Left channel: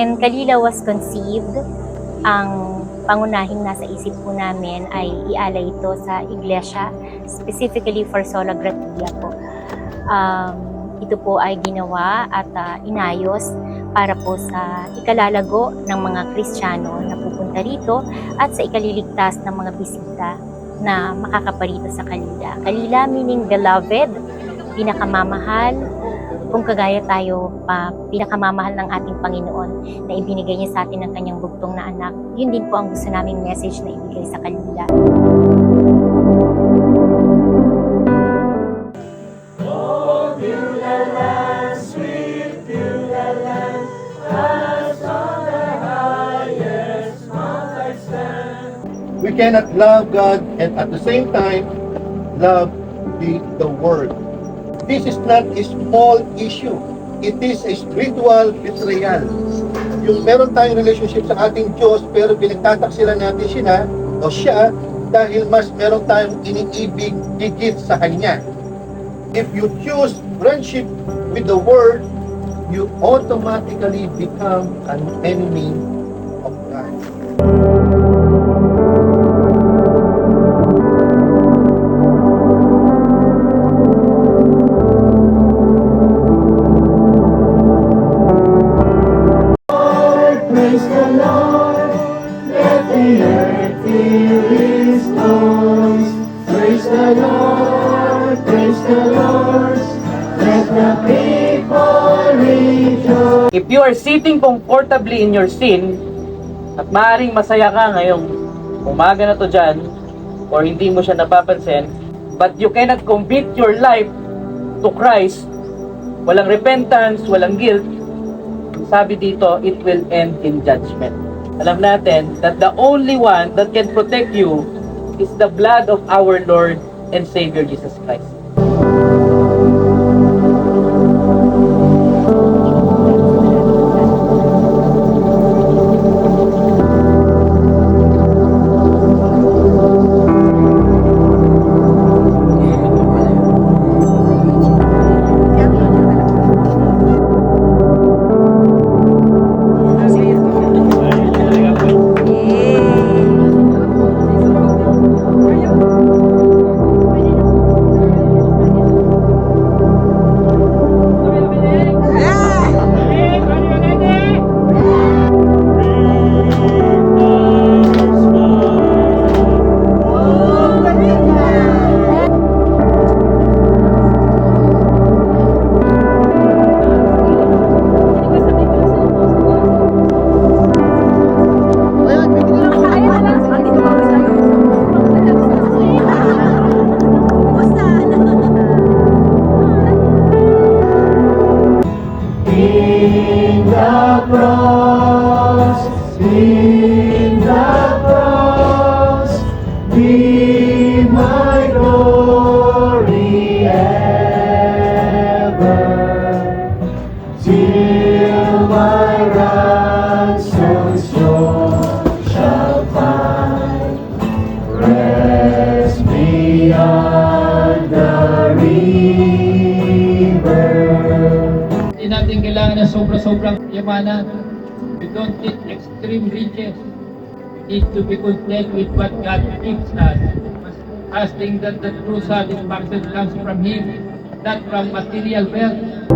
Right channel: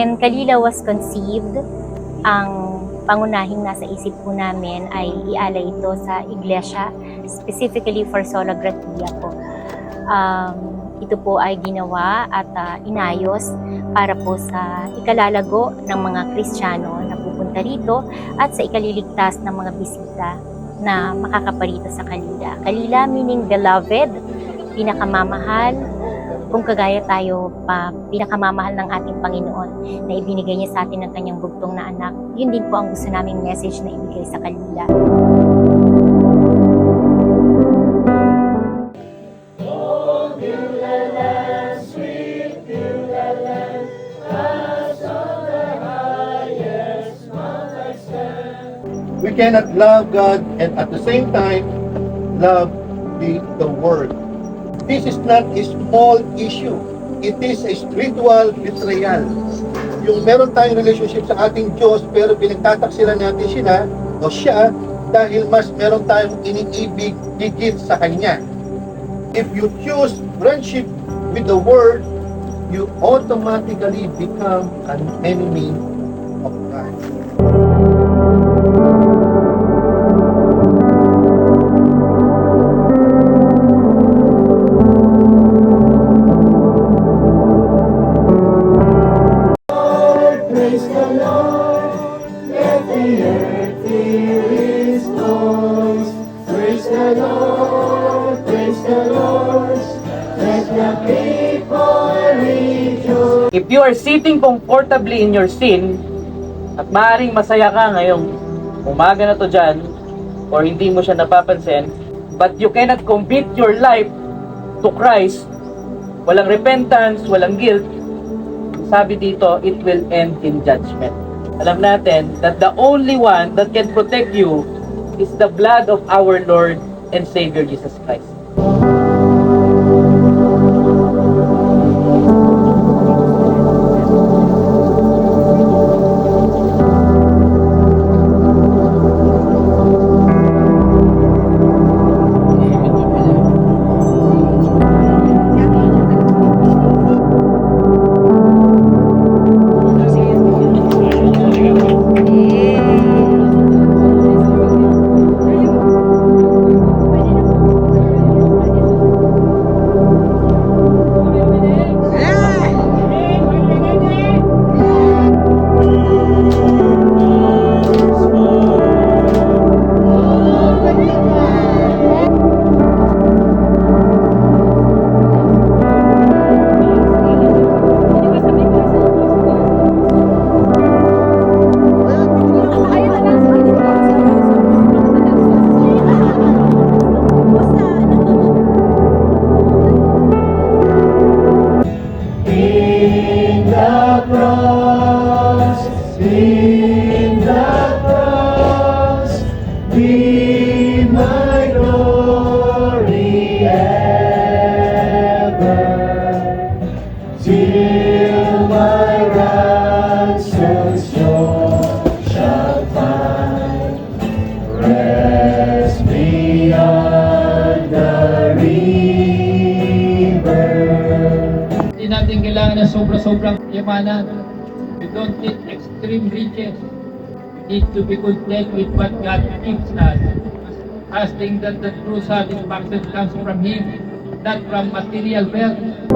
When Kalila was conceived, ang pangunahing nasa isip po namin ay ialay ito sa iglesia, specifically for Sola Gratia po. Ito po ay ginawa at inayos para po sa ikalalago ng mga Kristiyano na pupunta rito at sa ikaliligtas ng mga bisita na makakaparito sa Kalila. Kalila meaning beloved, pinakamamahal, kung kagaya tayo pinakamamahal ng ating Panginoon na ibinigay niya sa atin ng kanyang bugtong na anak. Yun din po ang gusto naming message na ibigay sa Kalila. We cannot love God and at the same time love the Word. This is not a small issue. It is a spiritual betrayal. Yung meron tayong relationship sa ating Diyos pero pinagtataksilan natin siya dahil mas meron tayong iniibig higit sa Kanya. If you choose friendship with the Word, you automatically become an enemy of God. Praise the Lord, let the earth hear His voice. Praise the Lord, let the people rejoice. If you are sitting comfortably in your sin, at maaaring masaya ka ngayong umaga na to dyan, or hindi mo siya napapansin, but you cannot commit your life to Christ, walang repentance, walang guilt, sabi dito, it will end in judgment. Alam natin that the only one that can protect you is the blood of our Lord and Savior Jesus Christ. In the cross, be my glory ever, till my ransom soul shall find rest beyond the river. Hindi natin kailangan na sobra-sobrang yamanan. We don't need extreme riches. We need to be content with what God gives us. Trusting that the true satisfaction comes from Him, not from material wealth.